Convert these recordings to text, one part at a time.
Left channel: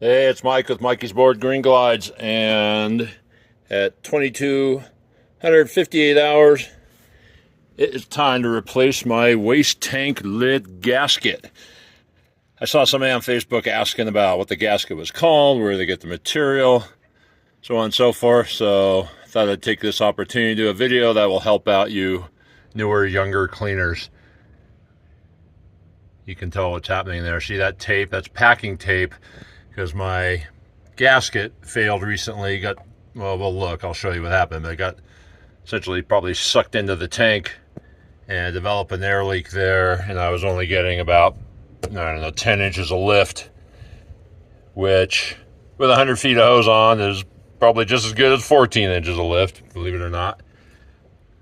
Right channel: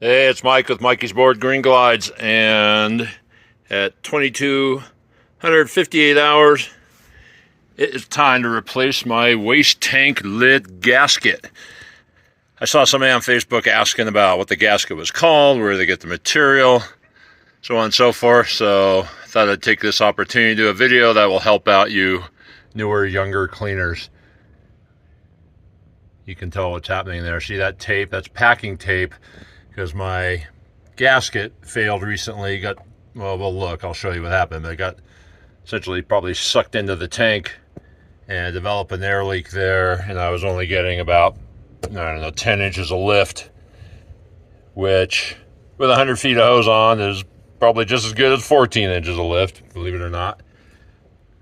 Hey, it's Mike with Mikey's Board Green Glides, and at 2258 hours, it is time to replace my waste tank lid gasket. I saw somebody on Facebook asking about what the gasket was called, where they get the material, so on and so forth, so I thought I'd take this opportunity to do a video that will help out you newer, younger cleaners. You can tell what's happening there. See that tape? That's packing tape. Because my gasket failed recently. Well, look, I'll show you what happened. But it got essentially probably sucked into the tank and developed an air leak there. And I was only getting about, 10 inches of lift, which with 100 feet of hose on is probably just as good as 14 inches of lift, believe it or not.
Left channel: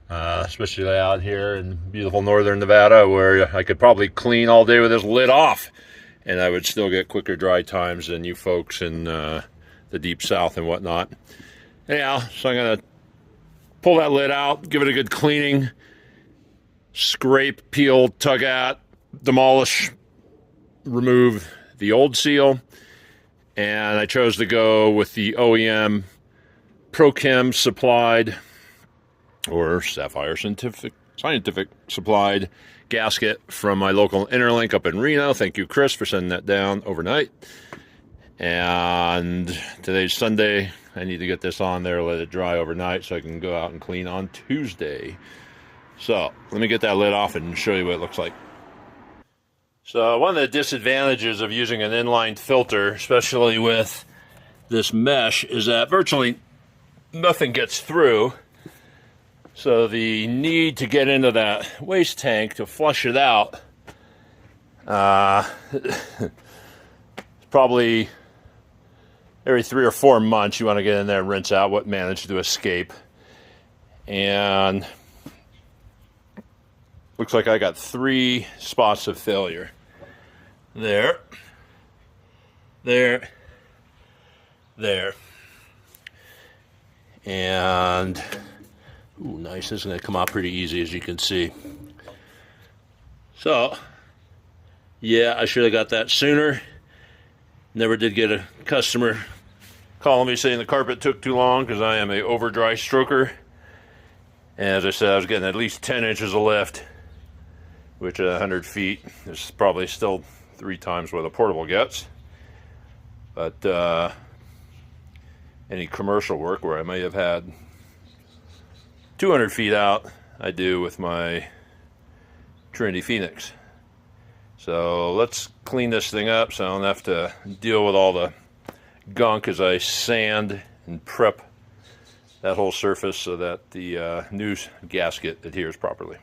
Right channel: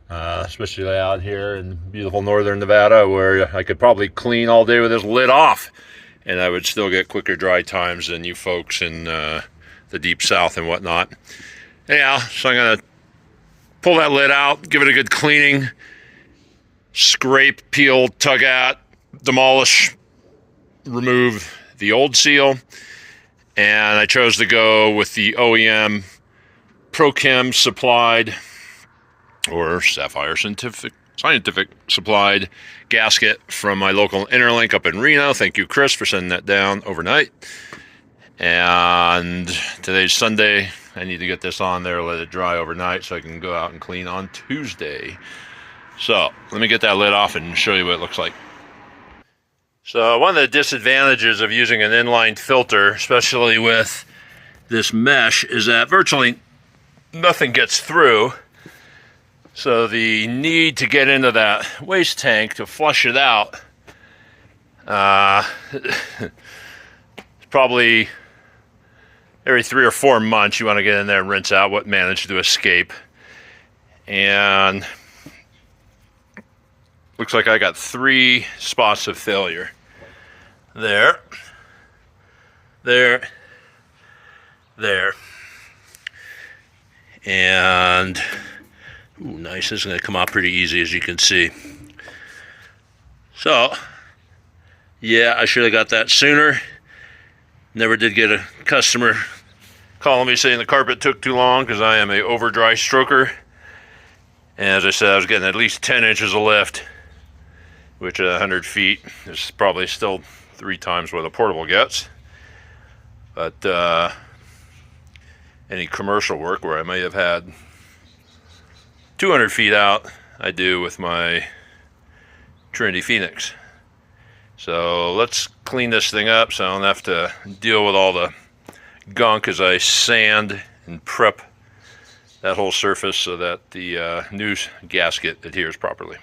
Especially out here in beautiful northern Nevada, where I could probably clean all day with this lid off, and I would still get quicker dry times than you folks in the deep south and whatnot. Anyhow, so I'm going to pull that lid out, give it a good cleaning, scrape, peel, tug at, demolish, remove the old seal, and I chose to go with the OEM ProChem supplied, or Sapphire Scientific supplied gasket from my local Interlink up in Reno. Thank you, Chris, for sending that down overnight. And today's Sunday. I need to get this on there, let it dry overnight so I can go out and clean on Tuesday. So let me get that lid off and show you what it looks like. So one of the disadvantages of using an inline filter, especially with this mesh, is that virtually nothing gets through. So the need to get into that waste tank to flush it out probably every 3 or 4 months you want to get in there and rinse out what managed to escape. And looks like I got 3 spots of failure. There. And ooh, nice. This is going to come out pretty easy, as you can see. So, yeah, I should have got that sooner. Never did get a customer calling me saying the carpet took too long, because I am a over dry stroker. And as I said, I was getting at least 10 inches of lift, which at 100 feet is probably still 3 times what a portable gets. But any commercial work where I may have had 200 feet out, I do with my Trinity Phoenix. So let's clean this thing up so I don't have to deal with all the gunk as I sand and prep that whole surface so that the new gasket adheres properly.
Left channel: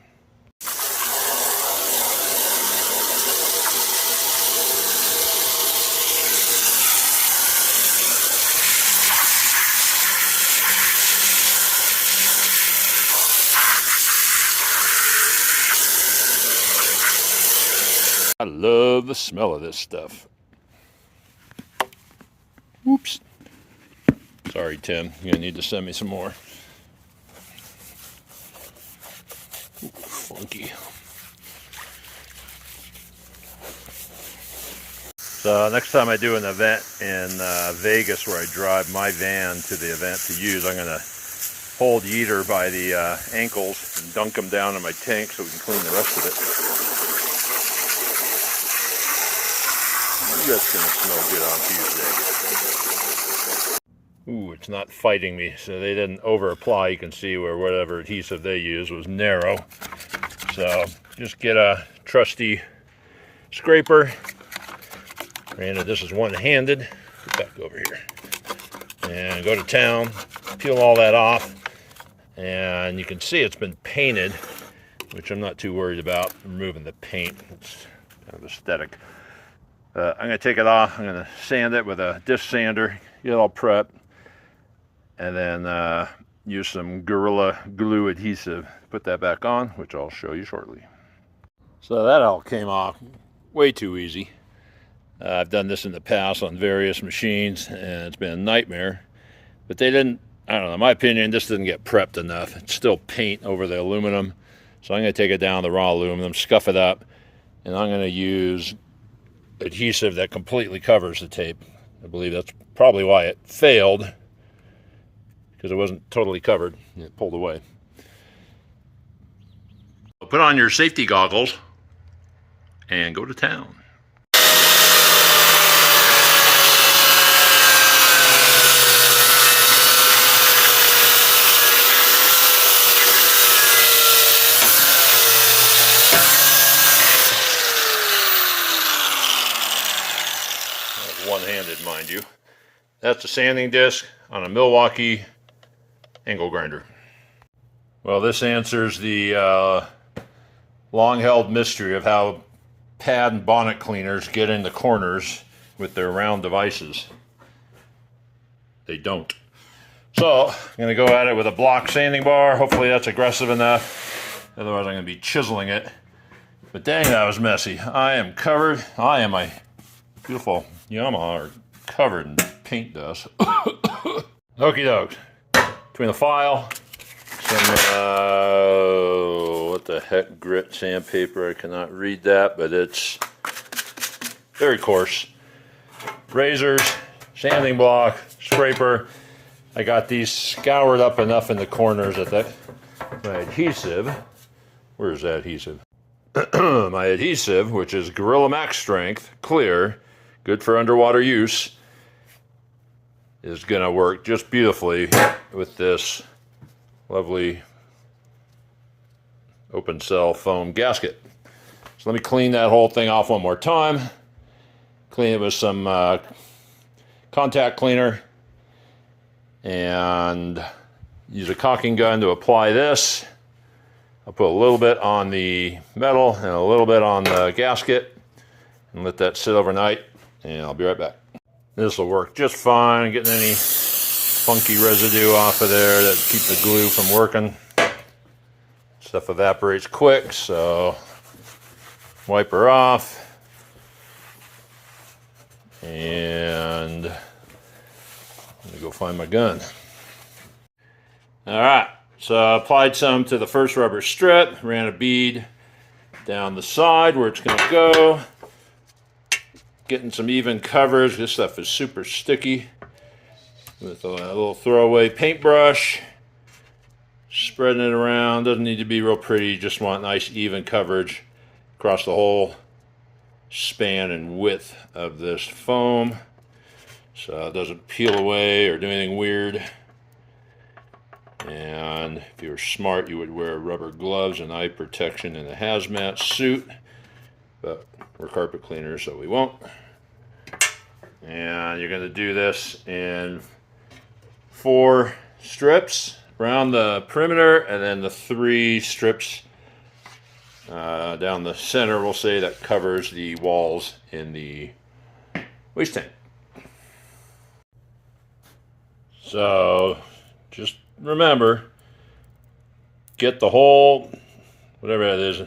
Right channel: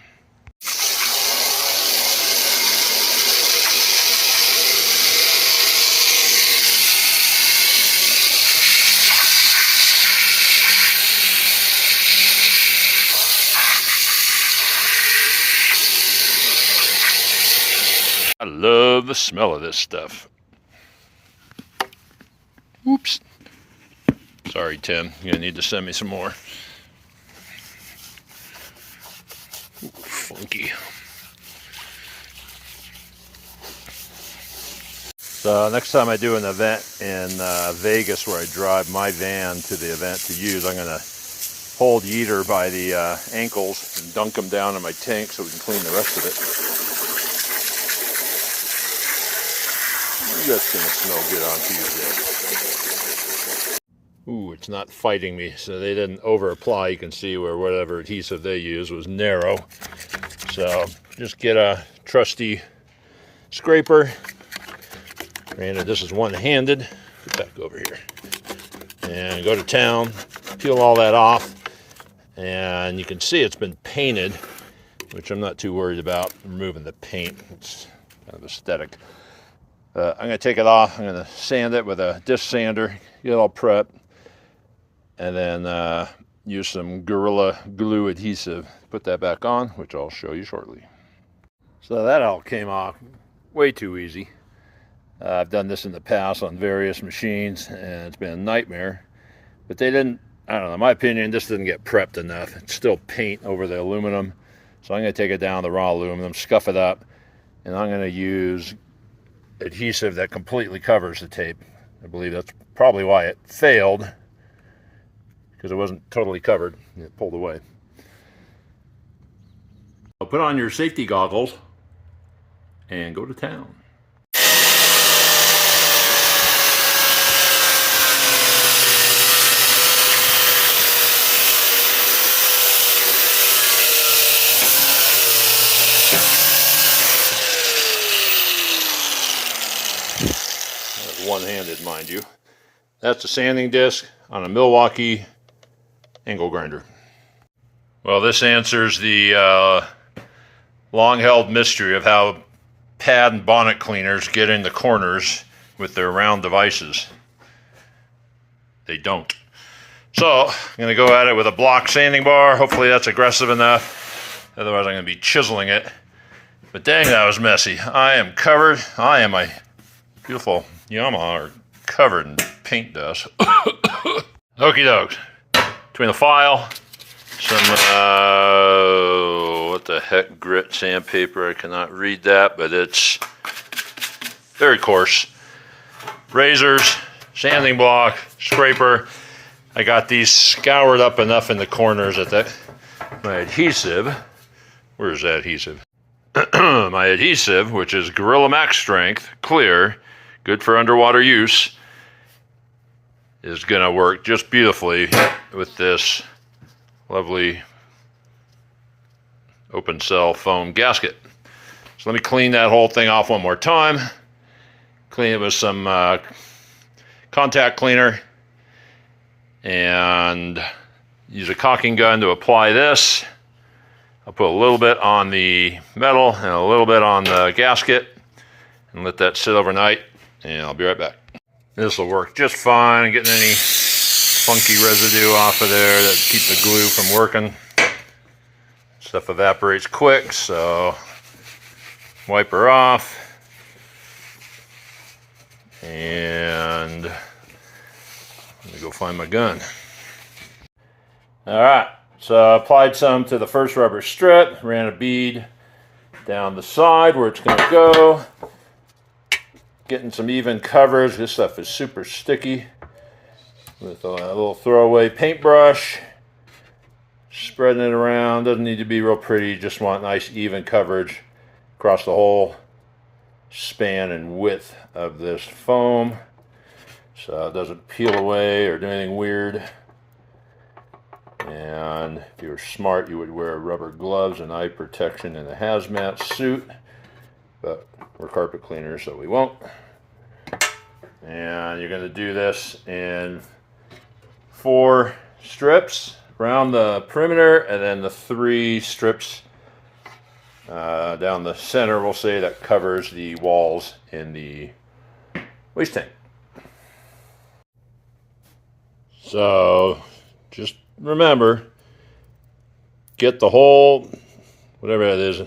I love the smell of this stuff. Oops. Sorry, Tim. You're going to need to send me some more. Ooh, funky. So next time I do an event in Vegas where I drive my van to the event to use, I'm going to hold Yeeter by the ankles and dunk him down in my tank so we can clean the rest of it. That's going to smell good on Tuesday. Ooh, it's not fighting me, so they didn't over apply. You can see where whatever adhesive they used was narrow. So just get a trusty scraper. Granted, this is one-handed. Get back over here. And go to town, peel all that off. And you can see it's been painted, which I'm not too worried about removing the paint. It's kind of aesthetic. I'm going to take it off. I'm going to sand it with a disc sander, get it all prepped, and then use some Gorilla Glue adhesive. Put that back on, which I'll show you shortly. So that all came off way too easy. I've done this in the past on various machines, and it's been a nightmare. But they didn't, I don't know, in my opinion, this didn't get prepped enough. It's still paint over the aluminum. So I'm going to take it down the raw aluminum, scuff it up, and I'm going to use adhesive that completely covers the tape. I believe that's probably why it failed, because it wasn't totally covered. It pulled away. So put on your safety goggles and go to town. One-handed, mind you. That's a sanding disc on a Milwaukee angle grinder. Well, this answers the long-held mystery of how pad and bonnet cleaners get in the corners with their round devices. They don't. So I'm going to go at it with a block sanding bar. Hopefully that's aggressive enough. Otherwise I'm going to be chiseling it. But dang, that was messy. I am covered. I and my beautiful Yamaha are covered in paint dust. Okie dokes. Between the file, some, what the heck, grit sandpaper. I cannot read that, but it's very coarse. Razors, sanding block, scraper. I got these scoured up enough in the corners that my adhesive, where's that adhesive? My adhesive, which is Gorilla Max Strength, clear, good for underwater use, is going to work just beautifully with this lovely open cell foam gasket. So let me clean that whole thing off one more time. Clean it with some contact cleaner and use a caulking gun to apply this. I'll put a little bit on the metal and a little bit on the gasket and let that sit overnight, and I'll be right back. This will work just fine, getting any funky residue off of there that keep the glue from working. Stuff evaporates quick, so wipe her off. And let me go find my gun. All right, so I applied some to the first rubber strip, ran a bead down the side where it's gonna go. Getting some even coverage. This stuff is super sticky. With a little throwaway paintbrush. Spreading it around. Doesn't need to be real pretty. You just want nice even coverage across the whole span and width of this foam, so it doesn't peel away or do anything weird. And if you were smart, you would wear rubber gloves and eye protection and a hazmat suit, but we're carpet cleaners, so we won't. And you're going to do this in 4 strips around the perimeter, and then the 3 strips down the center, we'll say, that covers the walls in the waste tank. So just remember, get the whole, whatever that is,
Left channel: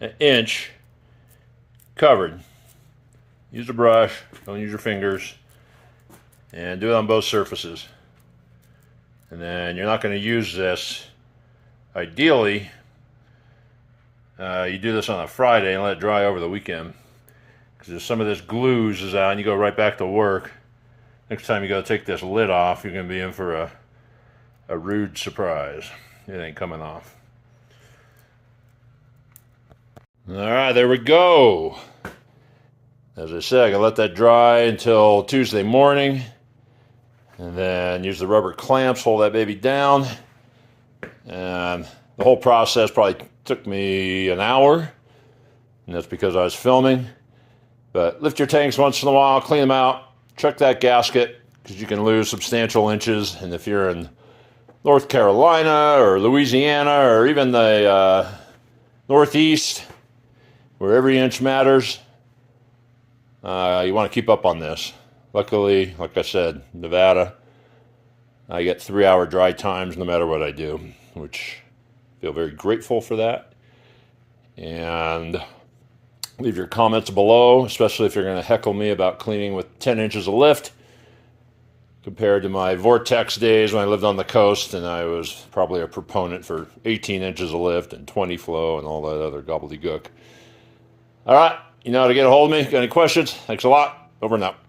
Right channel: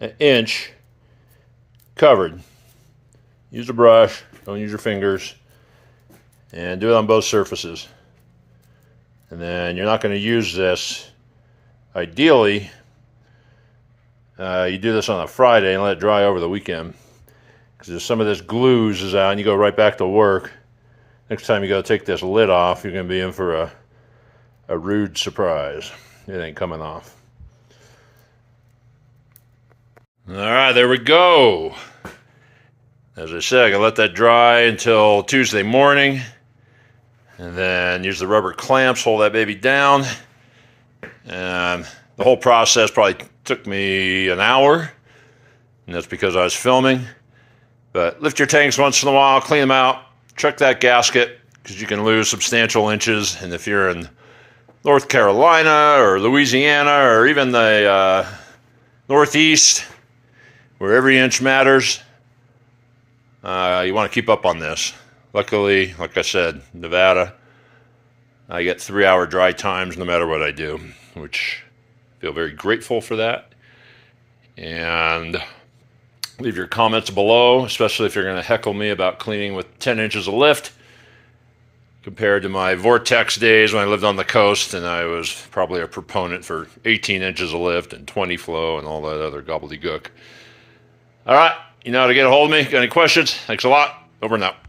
an inch covered. Use a brush, don't use your fingers, and do it on both surfaces. And then you're not going to use this, ideally, you do this on a Friday and let it dry over the weekend, because if some of this glues is out and you go right back to work, next time you go to take this lid off, you're going to be in for a rude surprise. It ain't coming off. All right, there we go. As I said, I gotta let that dry until Tuesday morning, and then use the rubber clamps, hold that baby down. And the whole process probably took me an hour, and that's because I was filming. But lift your tanks once in a while, clean them out, check that gasket, because you can lose substantial inches. And if you're in North Carolina or Louisiana or even the Northeast, where every inch matters, you want to keep up on this. Luckily, like I said, Nevada, I get 3-hour dry times no matter what I do, which I feel very grateful for that. And leave your comments below, especially if you're going to heckle me about cleaning with 10 inches of lift, compared to my vortex days when I lived on the coast, and I was probably a proponent for 18 inches of lift and 20 flow and all that other gobbledygook. All right, you know how to get a hold of me. Got any questions? Thanks a lot. Over and out.